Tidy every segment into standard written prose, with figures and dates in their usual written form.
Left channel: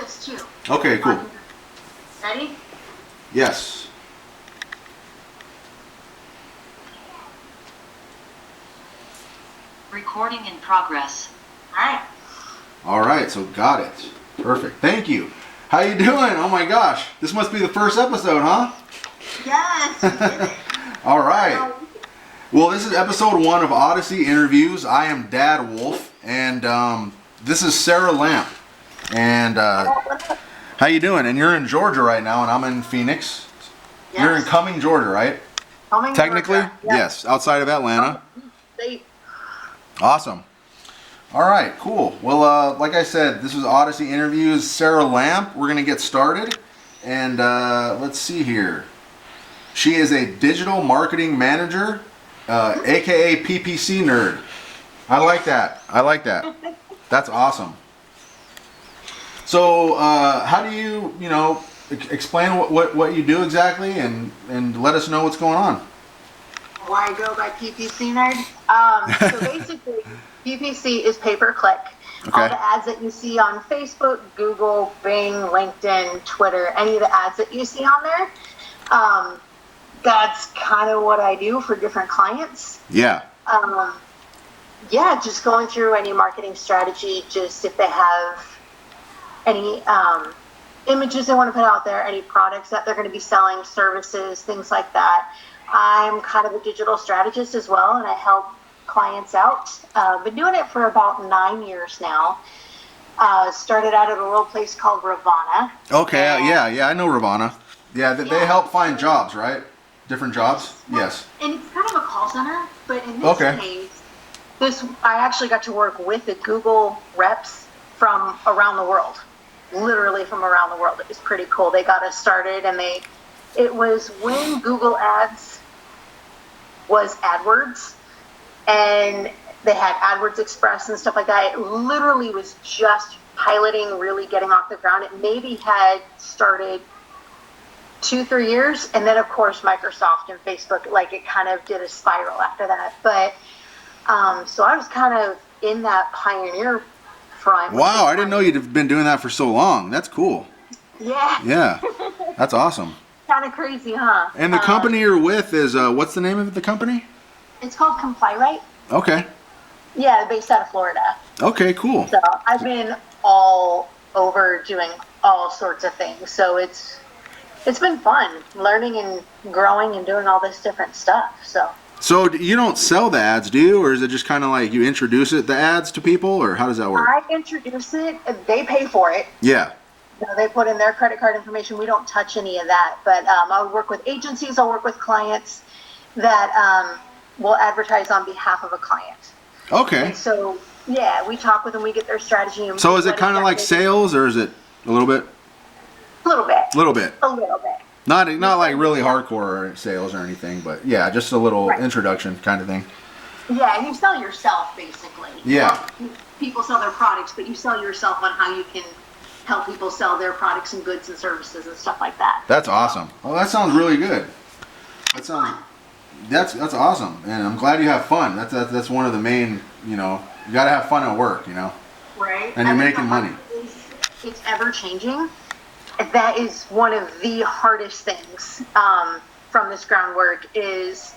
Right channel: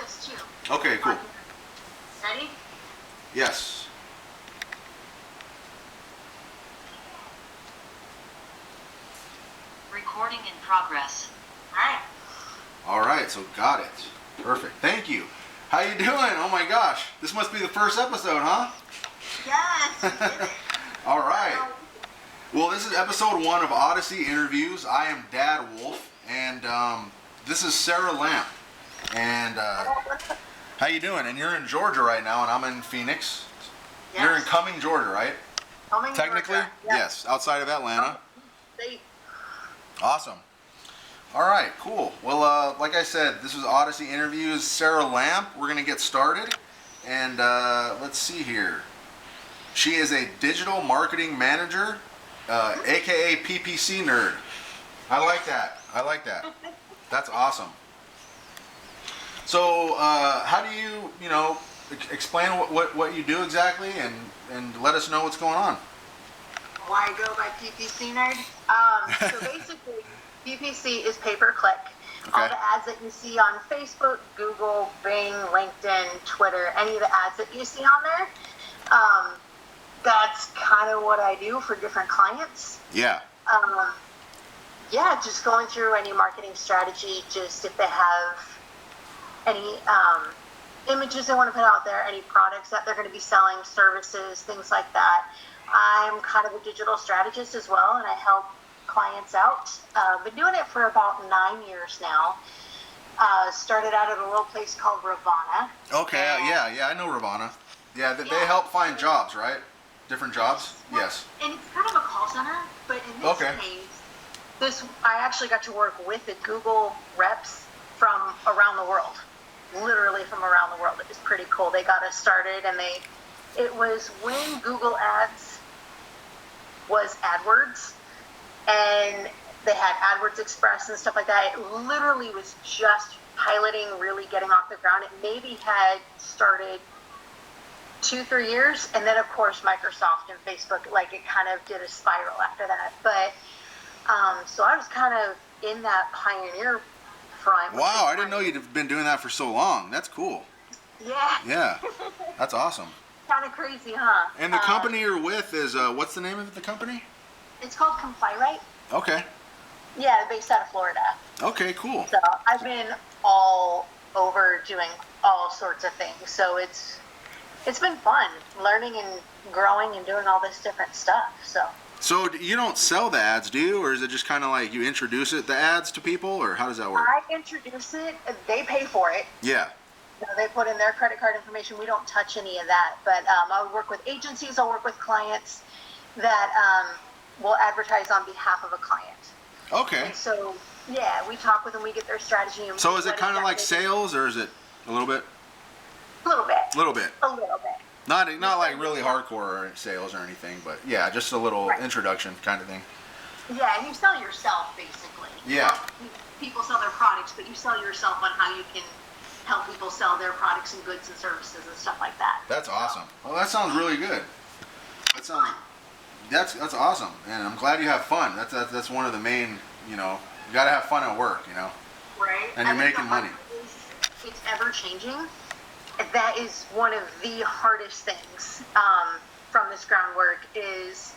this too. Okay, cool. Ready? Yes. Recording in progress. Alright. All right, so got it. Perfect. Thank you. How you doing? Oh my gosh, this must be the first episode, huh? Yes, you did it. All right. Well, this is episode 1 of Odyssey Interviews. I am Dad Wolf, and this is Sarah Lamp. And how you doing? And you're in Georgia right now, and I'm in Phoenix. Yes. You're in Cumming, Georgia, right? Cumming, Technically, Georgia. yes, outside of Atlanta. State. Awesome. All right, cool. Well, like I said, this was Odyssey Interviews. Sarah Lamp. We're gonna get started, and let's see here. She is a digital marketing manager, aka PPC nerd. I like that. I like that. That's awesome. So, how do you explain what you do exactly, and let us know what's going on? Why I go by PPC nerd? So basically, PPC is pay-per-click. Okay. All the ads that you see on Facebook, Google, Bing, LinkedIn, Twitter, any of the ads that you see on there, that's kind of what I do for different clients. Yeah. Yeah, just going through any marketing strategy, just if they have any images they want to put out there, any products that they're going to be selling, services, things like that. I'm kind of a digital strategist as well, and I help clients out. Been doing it for about 9 years now. Started out at a little place called Ravana. Okay. Yeah. I know Ravana. Yeah, they help find jobs, right? Different jobs. Yes. And it's kind of a call center, but in this case, I actually got to work with the Google reps from around the world. Literally from around the world. It was pretty cool. They got us started, and it was when Google Ads was AdWords, and they had AdWords Express and stuff like that. It literally was just piloting, really getting off the ground. It maybe had started 2-3 years, and then of course Microsoft and Facebook, like it kind of did a spiral after that. But so I was kind of in that pioneer front. Wow, I didn't know you'd been doing that for so long. That's cool. Yeah. Yeah, that's awesome. Kind of crazy, huh? And the company you're with is, what's the name of the company? It's called Comply Right. Okay. Yeah, based out of Florida. Okay, cool. So I've been all over doing all sorts of things. So it's been fun learning and growing and doing all this different stuff. So you don't sell the ads, do you? Or is it just kind of like you introduce the ads to people, or how does that work? I introduce it. They pay for it. Yeah. They put in their credit card information. We don't touch any of that. But I'll work with agencies. I'll work with clients that will advertise on behalf of a client. Okay. And so, yeah, we talk with them. We get their strategy. And so is it kind of like sales, or is it a little bit? A little bit. A little bit. A little bit. Not like really hardcore sales or anything, but yeah, just a little introduction kind of thing. Yeah, and you sell yourself, basically. Yeah. People sell their products, but you sell yourself on how you can help people sell their products and goods and services and stuff like that. That's awesome. Oh, that sounds really good. That's awesome, and I'm glad you have fun. That's one of the main, you gotta have fun at work, Right. And you're making money. It's ever changing. That is one of the hardest things from this groundwork is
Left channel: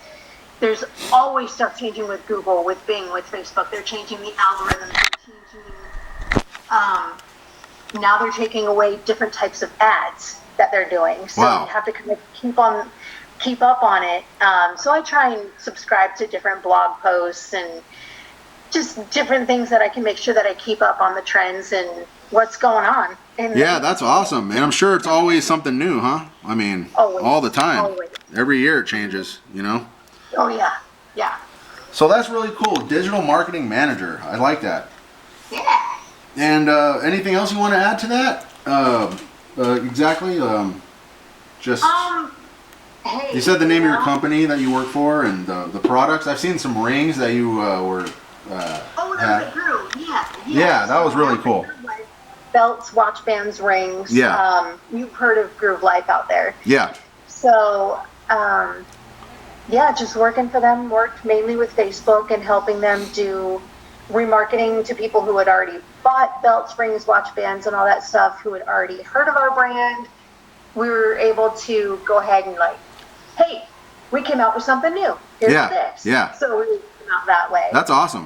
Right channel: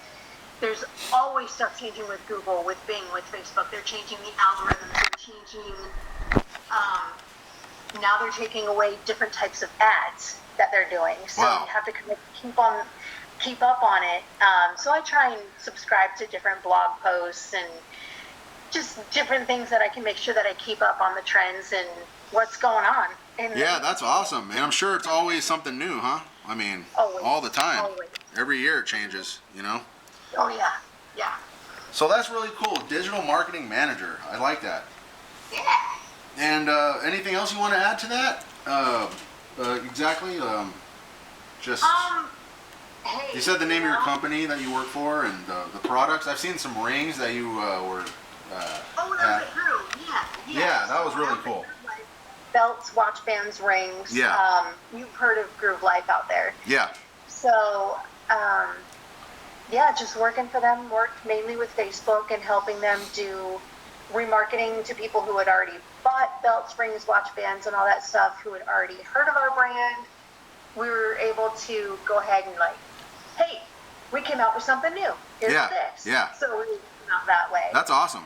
there's always stuff changing with Google, with Bing, with Facebook. They're changing the algorithms. They're changing. Now they're taking away different types of ads that they're doing. So you have to kind of keep up on it. So I try and subscribe to different blog posts and just different things that I can make sure that I keep up on the trends and what's going on. Yeah, that's awesome. And I'm sure it's always something new, huh? I mean, always, all the time. Always. Every year it changes, Oh, yeah. Yeah. So that's really cool. Digital marketing manager. I like that. Yeah. And anything else you want to add to that? Exactly. Hey, you said the name of your company that you work for and the products. I've seen some rings that you were. That was a Groove. Yeah. Yeah, that was really cool. Belts, watch bands, rings. Yeah. You've heard of Groove Life out there. Yeah. So, just working for them. Worked mainly with Facebook and helping them do remarketing to people who had already bought belt springs, watch bands, and all that stuff who had already heard of our brand, we were able to go ahead and like, hey, we came out with something new. Here's this. Yeah. So we came out that way. That's awesome.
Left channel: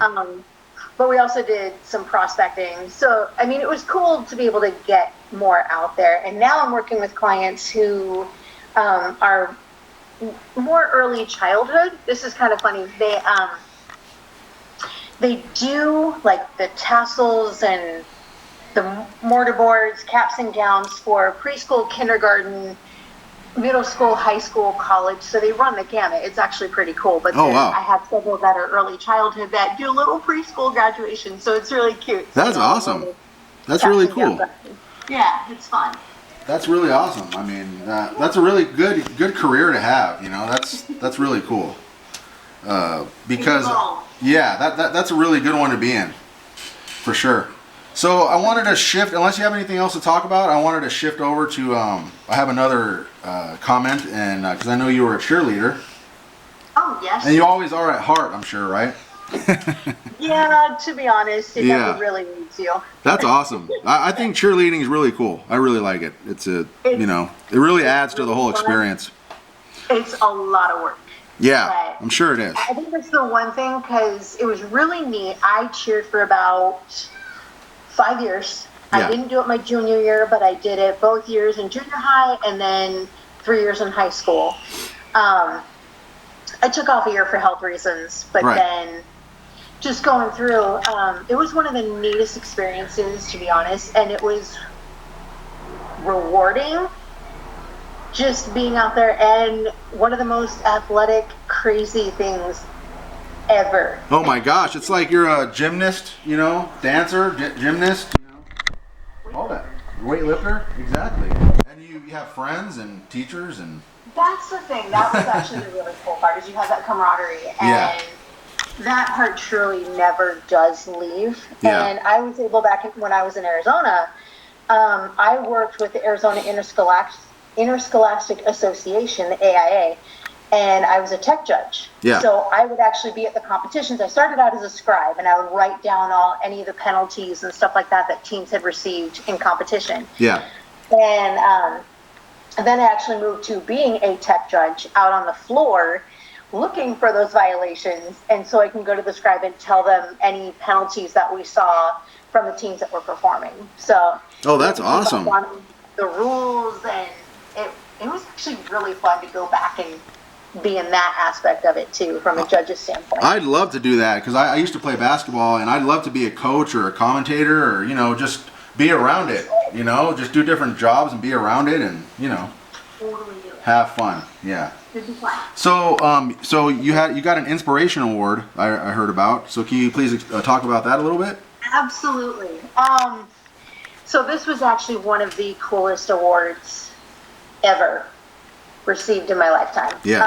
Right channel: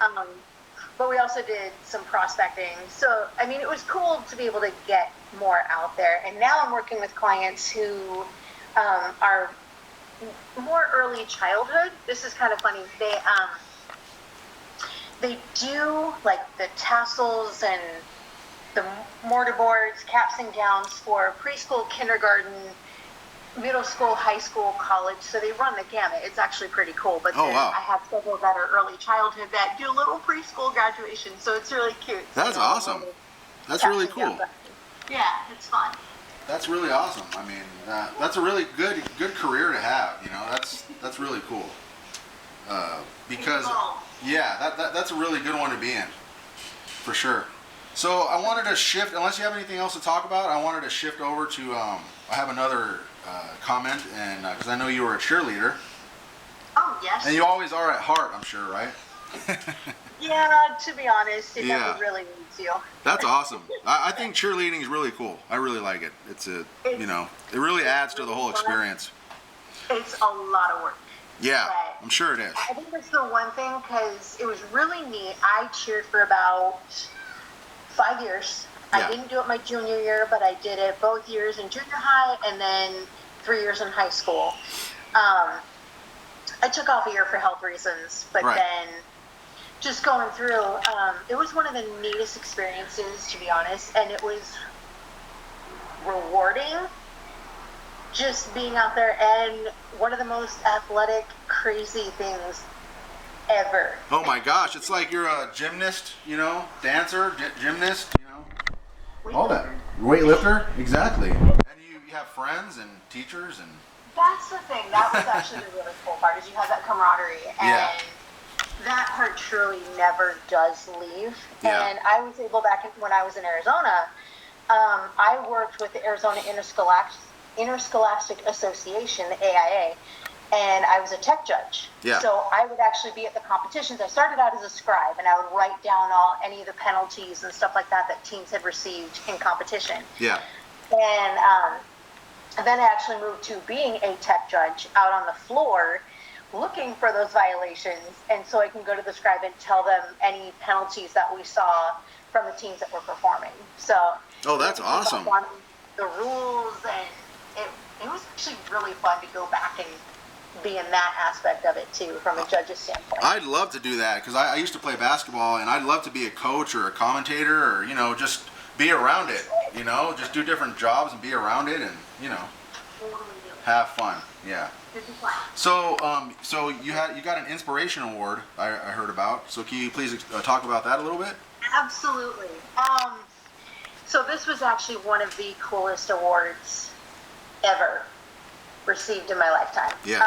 But we also did some prospecting. So, I mean, it was cool to be able to get more out there. And now I'm working with clients who are more early childhood. This is kind of funny. They do like the tassels and the mortarboards, caps and gowns for preschool, kindergarten, middle school, high school, college. So they run the gamut. It's actually pretty cool. But then wow. I have several that are early childhood that do little preschool graduation. So it's really cute. That's awesome. That's really cool. Yeah, it's fun. That's really awesome. I mean, that's a really good career to have. You know, that's really cool. Because that's a really good one to be in, for sure. So I wanted to shift, unless you have anything else to talk about, I wanted to shift over to, I have another comment, and because I know you were a cheerleader. Oh, yes. And you always are at heart, I'm sure, right? Yeah, to be honest, it never really needs you. That's awesome. I think cheerleading is really cool. I really like it. It really adds to the whole experience. It's a lot of work. Yeah, I'm sure it is. I think that's the one thing, because it was really neat. I cheered for about 5 years. Yeah. I didn't do it my junior year, but I did it both years in junior high and then 3 years in high school. I took off a year for health reasons, but then just going through, it was one of the neatest experiences, to be honest, and it was rewarding just being out there, and one of the most athletic, crazy things ever. Oh my gosh, it's like you're a gymnast, dancer, gymnast, all that. Weightlifter, exactly. And you have friends and teachers and... That's the thing. That was actually the really cool part, is you have that camaraderie. And that part truly never does leave. Yeah. And I was able, when I was in Arizona, I worked with the Arizona Interscholastic Association, the AIA, and I was a tech judge. Yeah. So I would actually be at the competitions. I started out as a scribe, and I would write down any of the penalties and stuff like that teams had received in competition. Yeah. And then I actually moved to being a tech judge out on the floor, looking for those violations, and so I can go to the scribe and tell them any penalties that we saw from the teams that were performing. So. Oh, that's awesome. On the rules, and it was actually really fun to go back and be in that aspect of it too, from a judge's standpoint. I'd love to do that, because I used to play basketball, and I'd love to be a coach or a commentator, or just be around it. Just do different jobs and be around it, and Totally do it. have fun. Yeah. It'd be fun. So you got an inspiration award I heard about. So can you please talk about that a little bit? Absolutely. So this was actually one of the coolest awards ever received in my lifetime. Yes.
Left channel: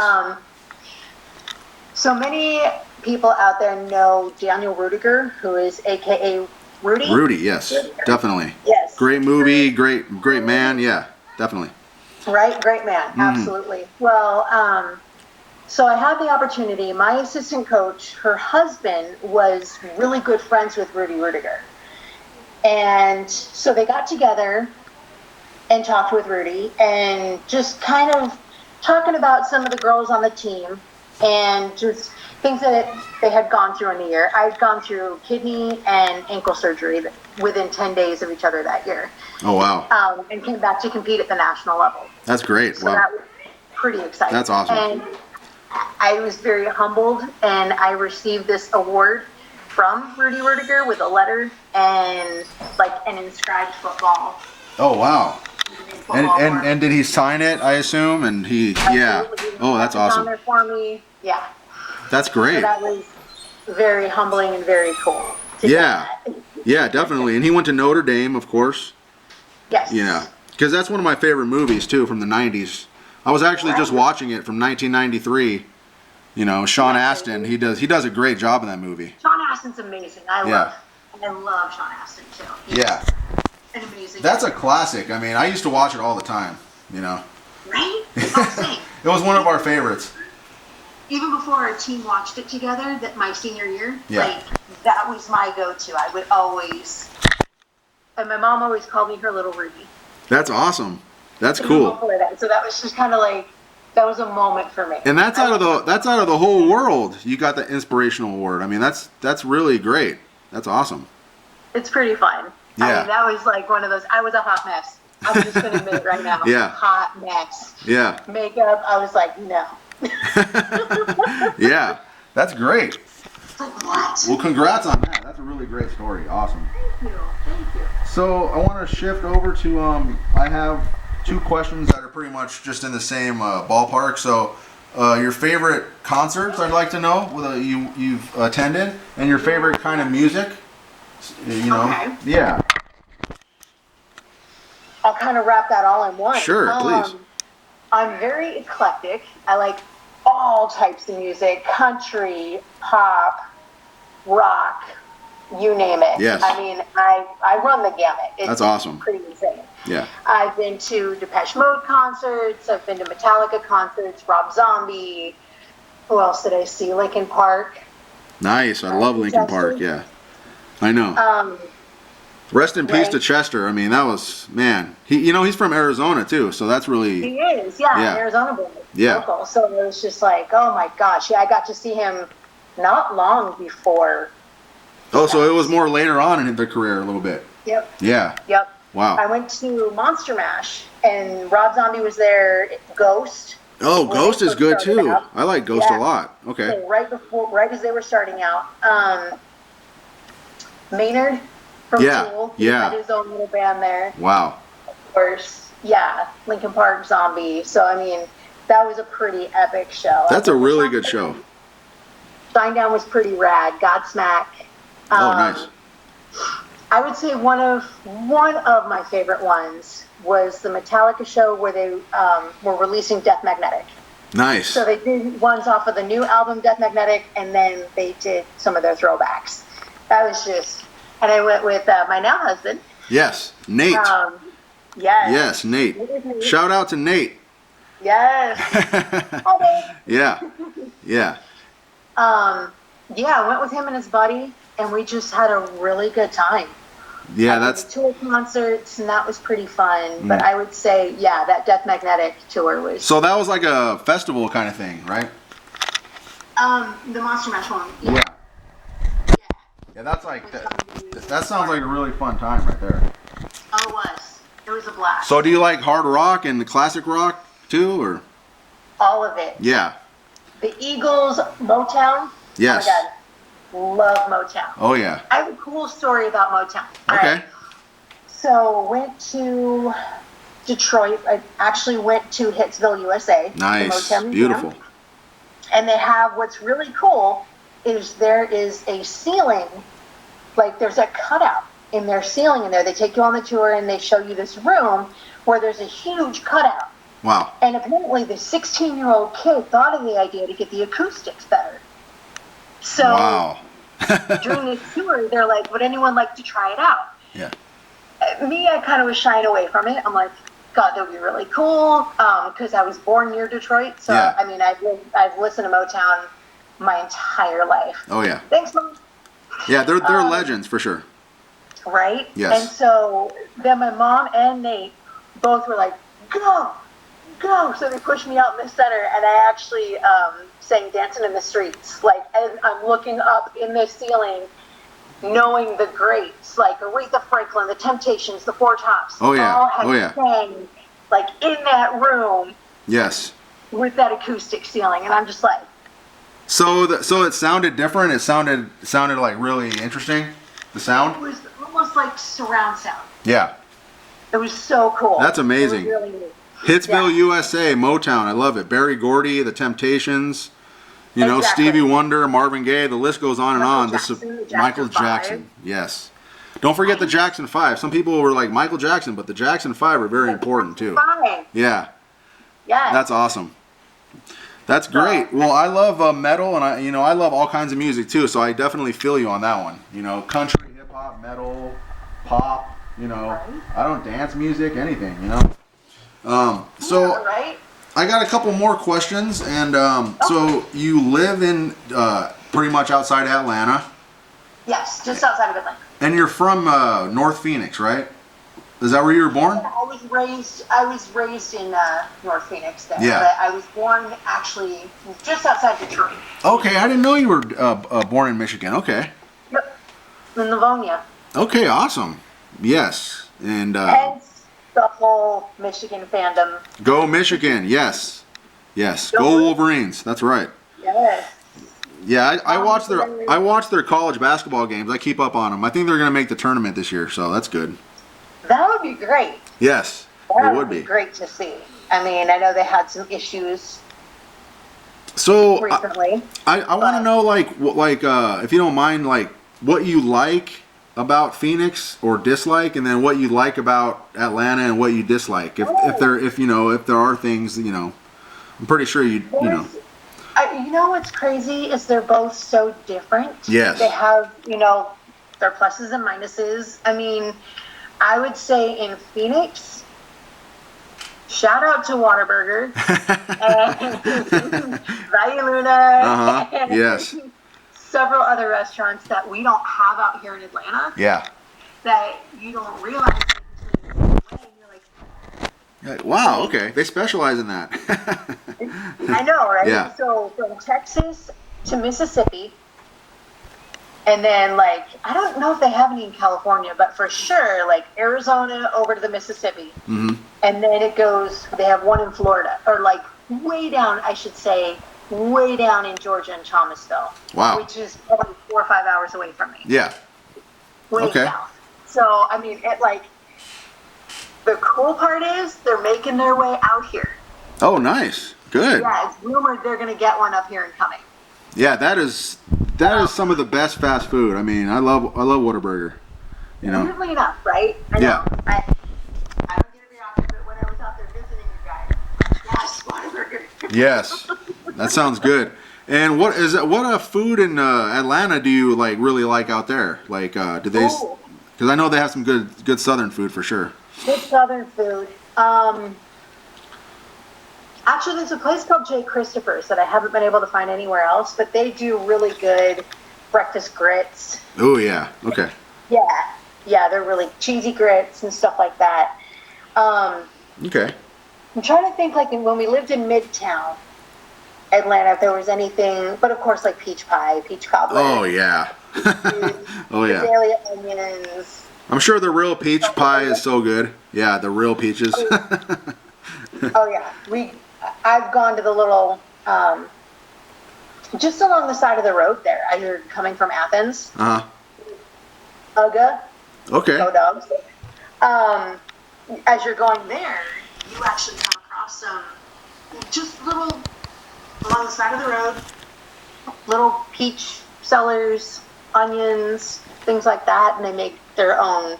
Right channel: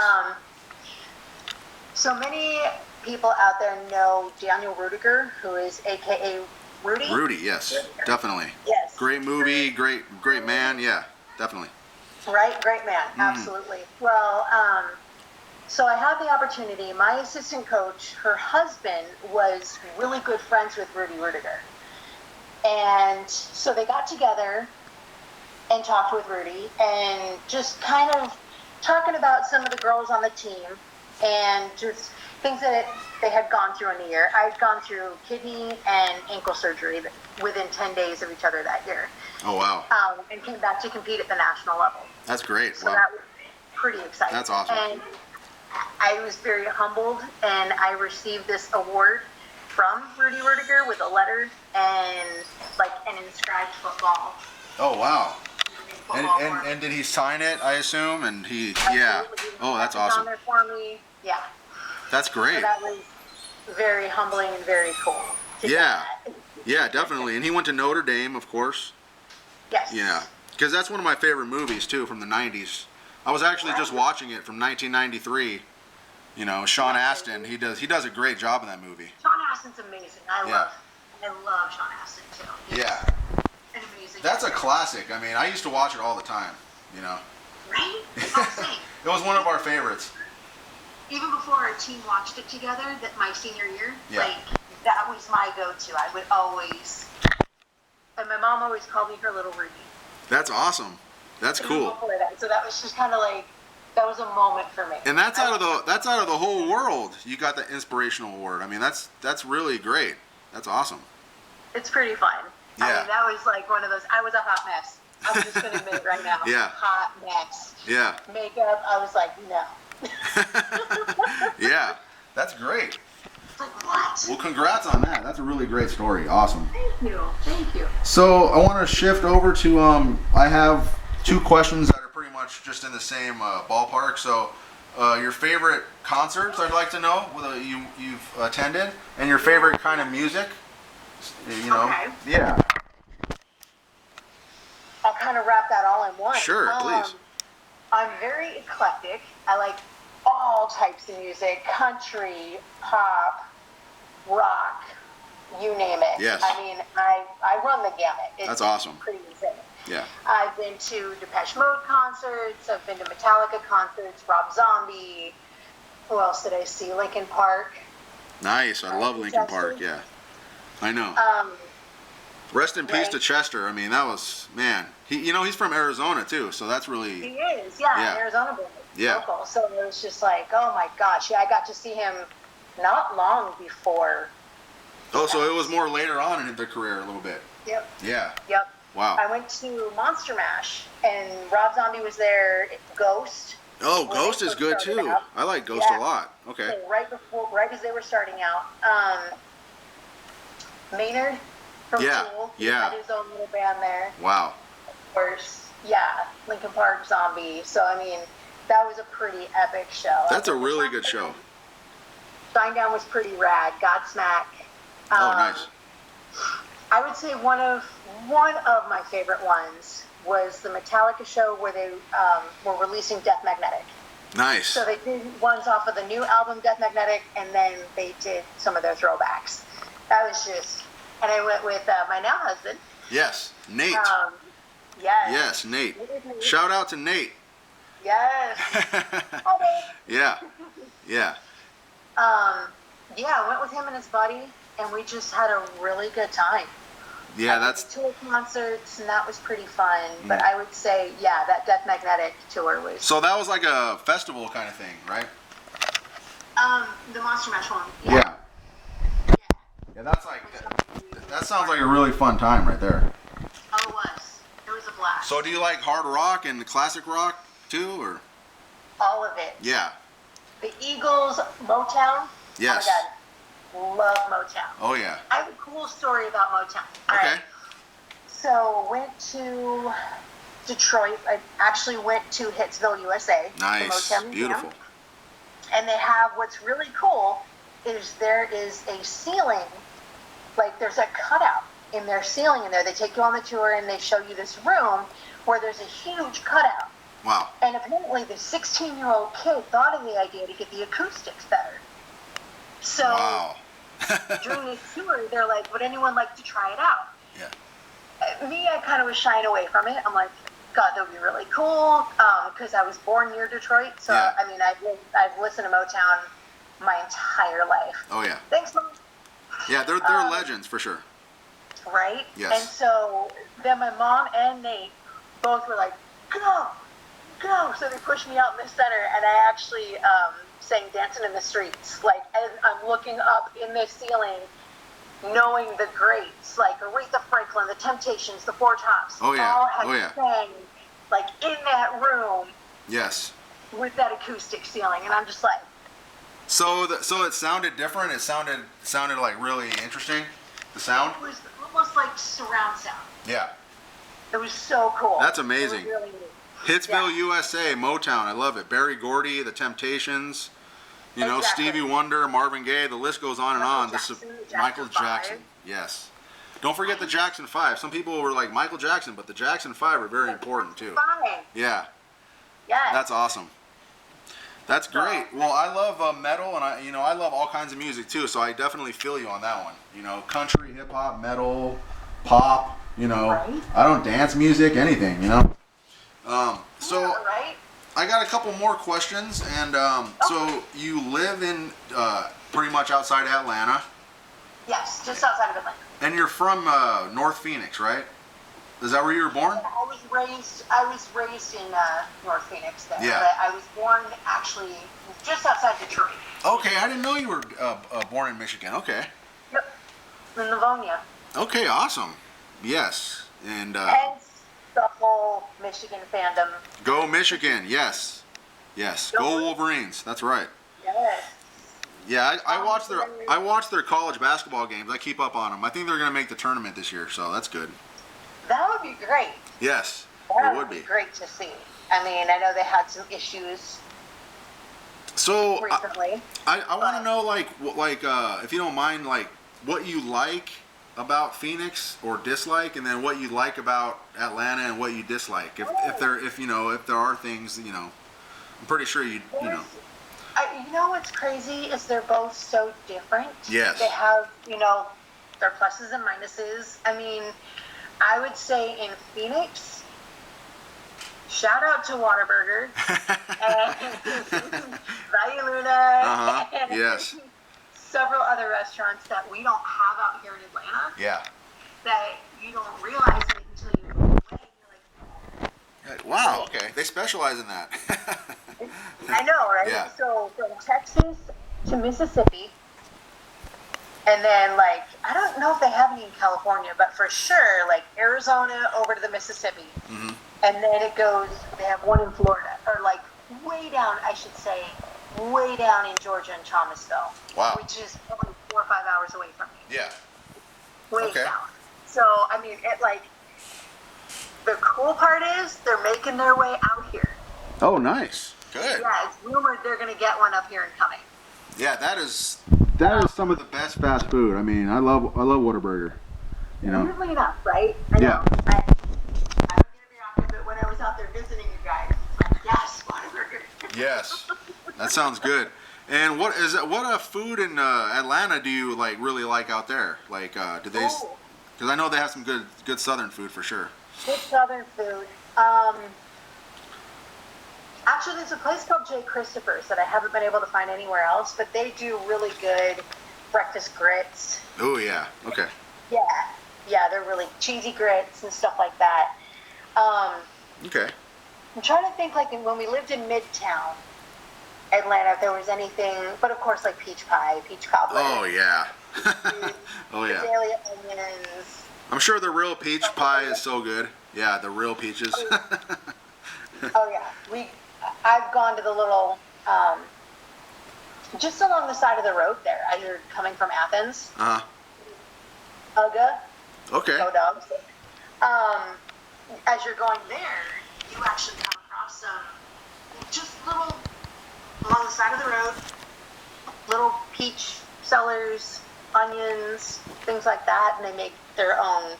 So many people out there know Daniel Rudiger, who is AKA Rudy. Rudy, yes, definitely. Yes. Great movie, great man. Yeah, definitely. Right, great man, absolutely. Well, so I had the opportunity. My assistant coach, her husband, was really good friends with Rudy Rudiger. And so they got together and talked with Rudy and just kind of talking about some of the girls on the team and just things that they had gone through in a year. I'd gone through kidney and ankle surgery within 10 days of each other that year. Oh, wow. And came back to compete at the national level. That's great. So wow. that was pretty exciting. That's awesome. And I was very humbled, and I received this award from Rudy Rudiger with a letter and like an inscribed football. Oh, wow. And did he sign it, I assume? And yeah. Oh, that's awesome. On there for me. Yeah. That's great. So that was very humbling and very cool. Yeah. Yeah, definitely. And he went to Notre Dame, of course. Yes. Yeah. Because that's one of my favorite movies, too, from the 90s. I was actually just watching it from 1993. Sean Astin, he does a great job in that movie. Sean Astin's amazing. I love Sean Astin, too. He's an amazing That's a classic. I mean, I used to watch it all the time, Right? Same. It was one of our favorites. Even before our team watched it together, my senior year, that was my go-to. I would always And my mom always called me her little Ruby. That's awesome. That's cool. So that was just kind of like, that was a moment for me. And that's out of the whole world. You got the inspirational award. I mean, that's really great. That's awesome. It's pretty fun. Yeah. I mean, that was like one of those. I was a hot mess. I'm just gonna admit it right now. Yeah. Hot mess. Yeah. Makeup. I was like, no. Yeah. That's great. Like what? Well, congrats on that. That's a really great story. Awesome. Thank you. Thank you. So I want to shift over to I have 2 questions that are pretty much just in the same ballpark. So your favorite concerts I'd like to know whether you've attended, and your favorite kind of music. You know. Okay. Yeah. I'll kind of wrap that all in one. Sure, please. I'm very eclectic. I like all types of music: country, pop, rock, you name it. Yes. I mean, I run the gamut. It's That's awesome. Pretty insane. Yeah. I've been to Depeche Mode concerts. I've been to Metallica concerts. Rob Zombie. Who else did I see? Linkin Park. Nice. I love Linkin Park. Yeah. I know. Rest in peace to Chester. I mean, that was, man. He's from Arizona too, so that's really. He is, yeah. Arizona boy. Yeah. Local. So it was just like, oh my gosh. Yeah, I got to see him not long before. Oh, so it was more later on in their career a little bit. Yep. Yeah. Yep. Wow. I went to Monster Mash, and Rob Zombie was there. Ghost. Oh, Ghost is good too. Out. I like Ghost a lot. Okay. So right as they were starting out, Maynard from Tool. He had his own little band there. Wow. Of course, yeah, Linkin Park, Zombie. So I mean, that was a pretty epic show. That's a really good show. Shinedown was pretty rad. Godsmack. Oh, nice. I would say one of my favorite ones was the Metallica show where they were releasing Death Magnetic. Nice. So they did ones off of the new album Death Magnetic, and then they did some of their throwbacks. That was just, and I went with my now husband. Yes, Nate. Yes. Yes, Nate. Shout out to Nate. Yes. Hi, Nate. Yeah. Yeah. Yeah, I went with him and his buddy, and we just had a really good time. Yeah, that's tour concerts, and that was pretty fun. But I would say, yeah, that Death Magnetic tour was. So that was like a festival kind of thing, right? The Monster Mash one. Yeah. Yeah, that's like that sounds like a really fun time right there. Oh, it was. It was a blast. So do you like hard rock and the classic rock too, or? All of it. Yeah. The Eagles, Motown. Yes. Oh my God. Love Motown. Oh yeah. I have a cool story about Motown. Okay. Right. So went to Detroit. I actually went to Hitsville, USA. Nice. The Motown Museum. Beautiful. And they have, what's really cool is there is a ceiling, like there's a cutout in their ceiling in there. They take you on the tour and they show you this room where there's a huge cutout. Wow. And apparently the 16-year-old kid thought of the idea to get the acoustics better. So wow. during this tour, they're like, would anyone like to try it out? Yeah. Me, I kind of was shying away from it. I'm like, God, that would be really cool, because I was born near Detroit. So, yeah. I mean, I've listened to Motown my entire life. Oh, yeah. Thanks, Mom. Yeah, they're legends for sure. Right? Yes. And so then my mom and Nate both were like, go. So they pushed me out in the center, and I actually sang Dancing in the Streets. Like, as I'm looking up in the ceiling, knowing the greats, like Aretha Franklin, the Temptations, the Four Tops. Oh, yeah. All had sang, like, in that room. Yes. With that acoustic ceiling, and I'm just like. So it sounded different? It sounded like really interesting? The sound? It was almost like surround sound. Yeah. It was so cool. That's amazing. It was really neat. Hitsville, USA, Motown. I love it. Barry Gordy, The Temptations, Stevie Wonder, Marvin Gaye. The list goes on and on. This is Michael Jackson. Yes. Don't forget the Jackson 5. Some people were like Michael Jackson, but the Jackson 5 are very important too. Yeah. Yeah. That's awesome. That's great. Well, I love metal, and I love all kinds of music too. So I definitely feel you on that one. Country, hip hop, metal, pop. I don't dance music, anything. So I got a couple more questions, and so you live in pretty much outside Atlanta. Yes, just outside of Atlanta. And you're from North Phoenix, right? Is that where you were born? I was raised in North Phoenix there. Yeah. But I was born actually just outside Detroit. Okay, I didn't know you were born in Michigan. Okay. Yep. In Livonia. Okay, awesome. Yes, and Hence the whole Michigan fandom. go Michigan. Yes, yes. Go Wolverines. That's right. Yes. Yeah, I watch their college basketball games. I keep up on them. I think they're going to make the tournament this year, so that's good. That would be great. Yes, That it would be great to see. I mean, I know they had some issues so recently. I want to know if you don't mind, like what you like about Phoenix or dislike, and then what you like about Atlanta and what you dislike. If there are things, I'm pretty sure you know. You know what's crazy is they're both so different. Yes. They have, their pluses and minuses. I mean, I would say in Phoenix, shout out to Whataburger and Valle Luna and yes. several other restaurants that we don't have out here in Atlanta. Yeah. That you don't realize it until you go away and you're like, wow, okay. They specialize in that. I know, right? Yeah. So from Texas to Mississippi, and then I don't know if they have any in California, but for sure, Arizona over to the Mississippi. Mm-hmm. And then it goes, they have one in Florida, or way down, I should say, way down in Georgia and Thomasville. Wow. Which is probably 4 or 5 hours away from me. Yeah. Way south. So, I mean, the cool part is they're making their way out here. Oh, nice. Good. Yeah, it's rumored they're going to get one up here and coming. Yeah, that is some of the best fast food. I mean, I love Whataburger. Weirdly enough, right? I know. Yeah. I don't get it very often, but when I was out there visiting you guys, yes, Whataburger. Yes, that sounds good. And what food in Atlanta do you really like out there? Do they? Because I know they have some good Southern food for sure. Good Southern food. Actually, there's a place called J. Christopher's that I haven't been able to find anywhere else, but they do really good breakfast grits. Oh yeah. Okay. Yeah, they're really cheesy grits and stuff like that. Okay. I'm trying to think when we lived in Midtown Atlanta, if there was anything, but of course peach pie, peach cobbler. Oh yeah. Oh yeah. Azalea onions. I'm sure the real peach pie is so good. Yeah, the real peaches. Oh yeah, I've gone to the little, just along the side of the road there as you're coming from Athens. Uh-huh. Uga. Okay. Go Dogs. As you're going there, you actually come across some just little, along the side of the road, little peach sellers, onions, things like that, and they make their own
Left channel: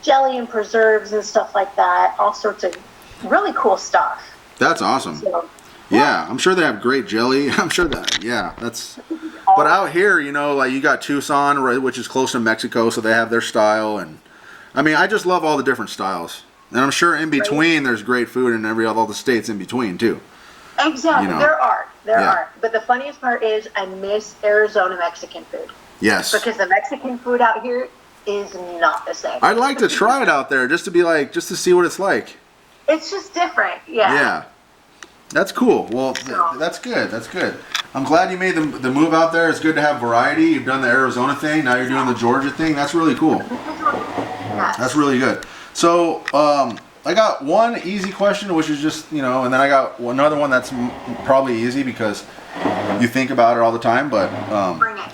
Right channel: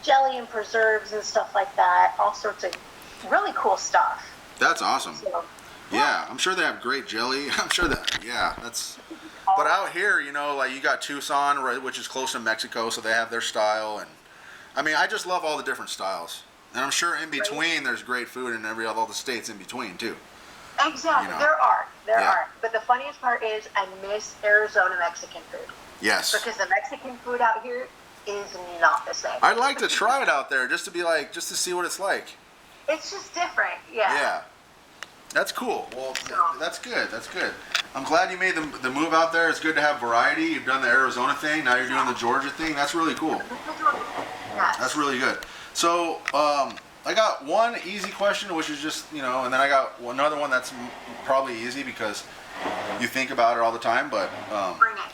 jelly and preserves and stuff like that. All sorts of really cool stuff. That's awesome. So, yeah, I'm sure they have great jelly. I'm sure that, that's... But out here, you got Tucson, right, which is close to Mexico, so they have their style. And I mean, I just love all the different styles. And I'm sure in between, there's great food in all the states in between, too. Exactly. There are. But the funniest part is I miss Arizona Mexican food. Yes. Because the Mexican food out here is not the same. I'd like to try it out there just to see what it's like. It's just different. Yeah. Yeah. That's cool. Well, that's good. That's good. I'm glad you made the move out there. It's good to have variety. You've done the Arizona thing. Now you're doing the Georgia thing. That's really cool. Yes. That's really good. So, I got one easy question, which is just, and then I got another one that's probably easy because you think about it all the time. But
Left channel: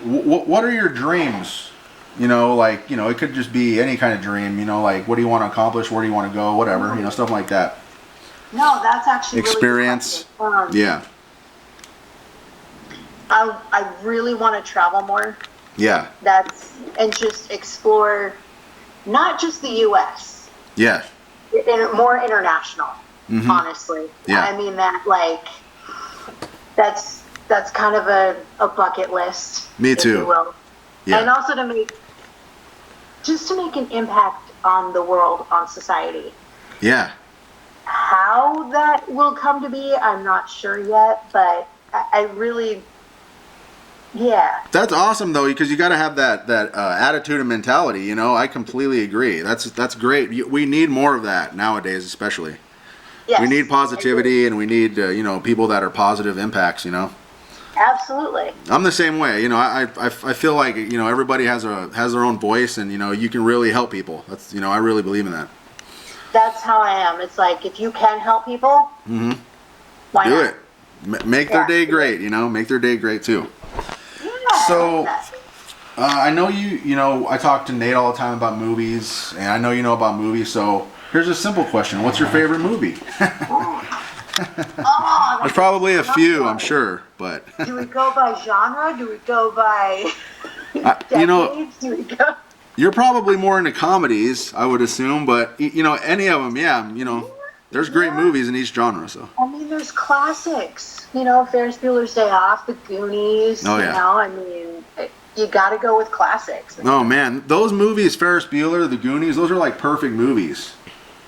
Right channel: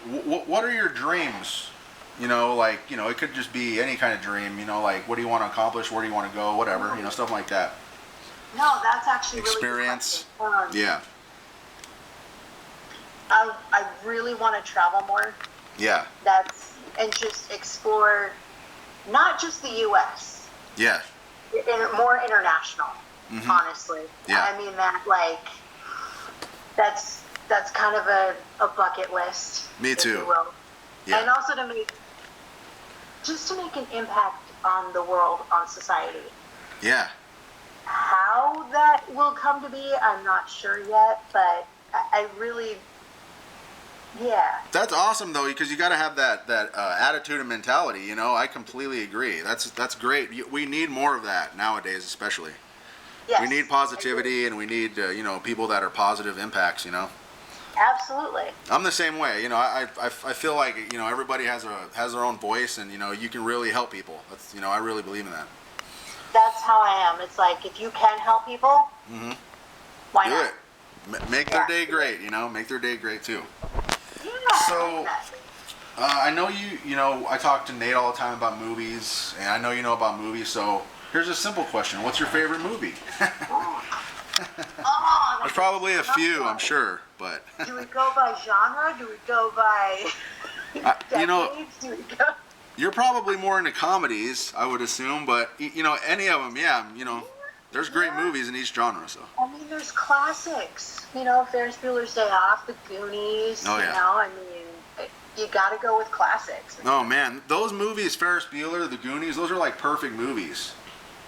what are your dreams? It could just be any kind of dream. What do you want to accomplish? Where do you want to go? Whatever, stuff like that. No, that's actually experience. Really yeah. I really want to travel more. Yeah. And just explore, not just the U.S. Yeah. More international, honestly. Yeah. I mean that's kind of a bucket list. Me too. If you will. Yeah. And also to make an impact on the world, on society. Yeah. How that will come to be, I'm not sure yet, but I really Yeah. That's awesome though, because you got to have that attitude and mentality. You know, I completely agree. That's great. We need more of that nowadays, especially. Yes. We need positivity, and we need people that are positive impacts. You know. Absolutely. I'm the same way. You know, I feel like everybody has their own voice, and you can really help people. That's I really believe in that. That's how I am. It's like if you can help people, why do not? it. Make their day great. Make their day great too. Yeah. So, I know I talk to Nate all the time about movies, and I know you know about movies, so here's a simple question. What's your favorite movie? There's probably a few, I'm sure, but... Do we go by genre? Do we go by decades? Do we go... You're probably more into comedies, I would assume, but, any of them, yeah, there's great movies in each genre, so... I mean, there's classics. Ferris Bueller's Day Off, The Goonies, oh, yeah. I mean, you gotta go with classics. Oh, man, those movies, Ferris Bueller, The Goonies, those are like perfect movies.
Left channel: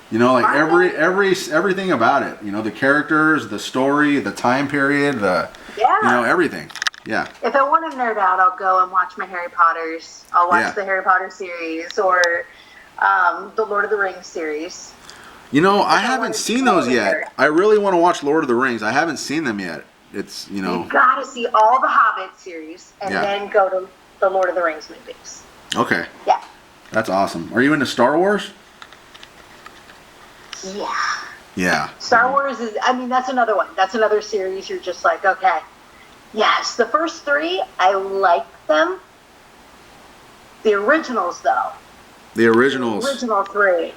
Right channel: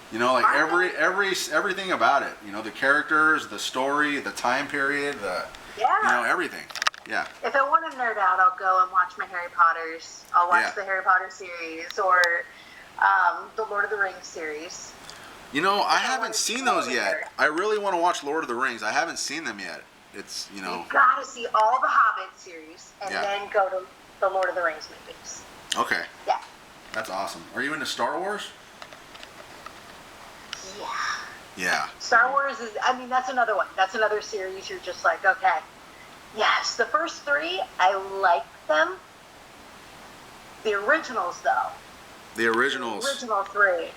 Like everything about it. The characters, the story, the time period, everything. Yeah. If I want to nerd out, I'll go and watch my Harry Potters. I'll watch the Harry Potter series or the Lord of the Rings series. I haven't seen those yet. I really want to watch Lord of the Rings. I haven't seen them yet. It's, You gotta see all the Hobbit series and then go to the Lord of the Rings movies. Okay. Yeah. That's awesome. Are you into Star Wars? Yeah. Yeah. Star Wars that's another one. That's another series you're just like, okay. Yes, the first three, I like them. The originals, though. The originals. The original three.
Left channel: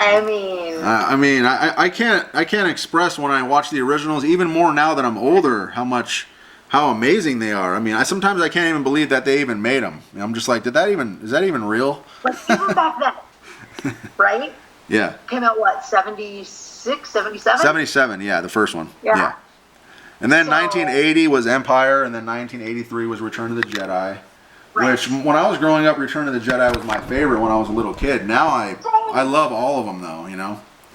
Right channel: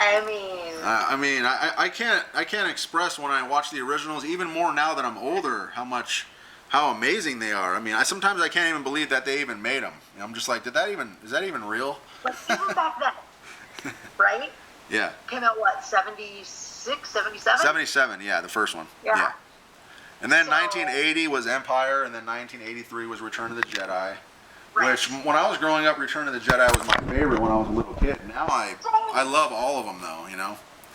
I can't express when I watch the originals, even more now that I'm older, how amazing they are. Sometimes I can't even believe that they even made them. I'm just like, is that even real? But even back then, right? Yeah. Came out, 76, 77? 77, yeah, the first one. Yeah. And then 1980 was Empire, and then 1983 was Return of the Jedi. Right. Which, when I was growing up, Return of the Jedi was my favorite when I was a little kid. Now I love all of them, though,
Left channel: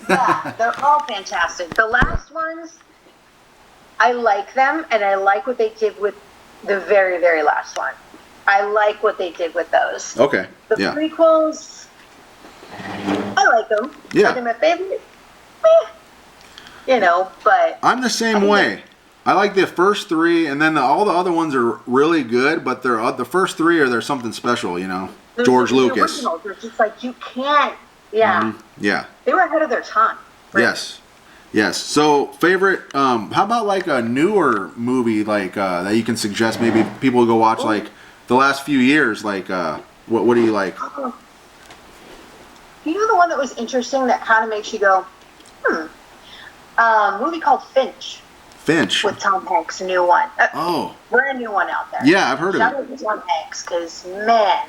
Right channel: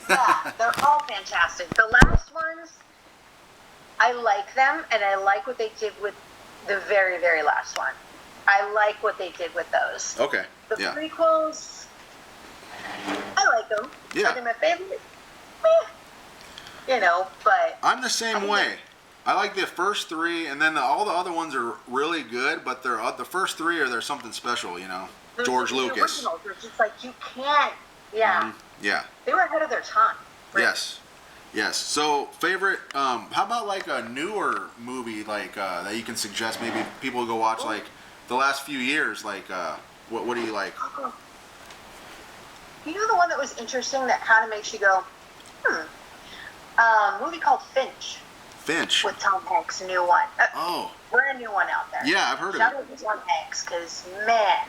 Yeah, they're all fantastic. The last ones, I like them, and I like what they did with the very, very last one. I like what they did with those. Okay, The prequels, I like them. Yeah. Are they my favorite? But... I'm the same way. I like the first three, and then all the other ones are really good, but the first three there's something special, George Lucas. The originals are just like, you can't... Yeah. Mm-hmm. Yeah. They were ahead of their time. Right? Yes. So, favorite, how about like a newer movie that you can suggest maybe people go watch like the last few years? Like, what do you like? The one that was interesting that kind of makes you go, a movie called Finch. Finch. With Tom Hanks, a new one. Brand new one out there. Yeah, I've heard of it. Shout out to Tom Hanks, because, man,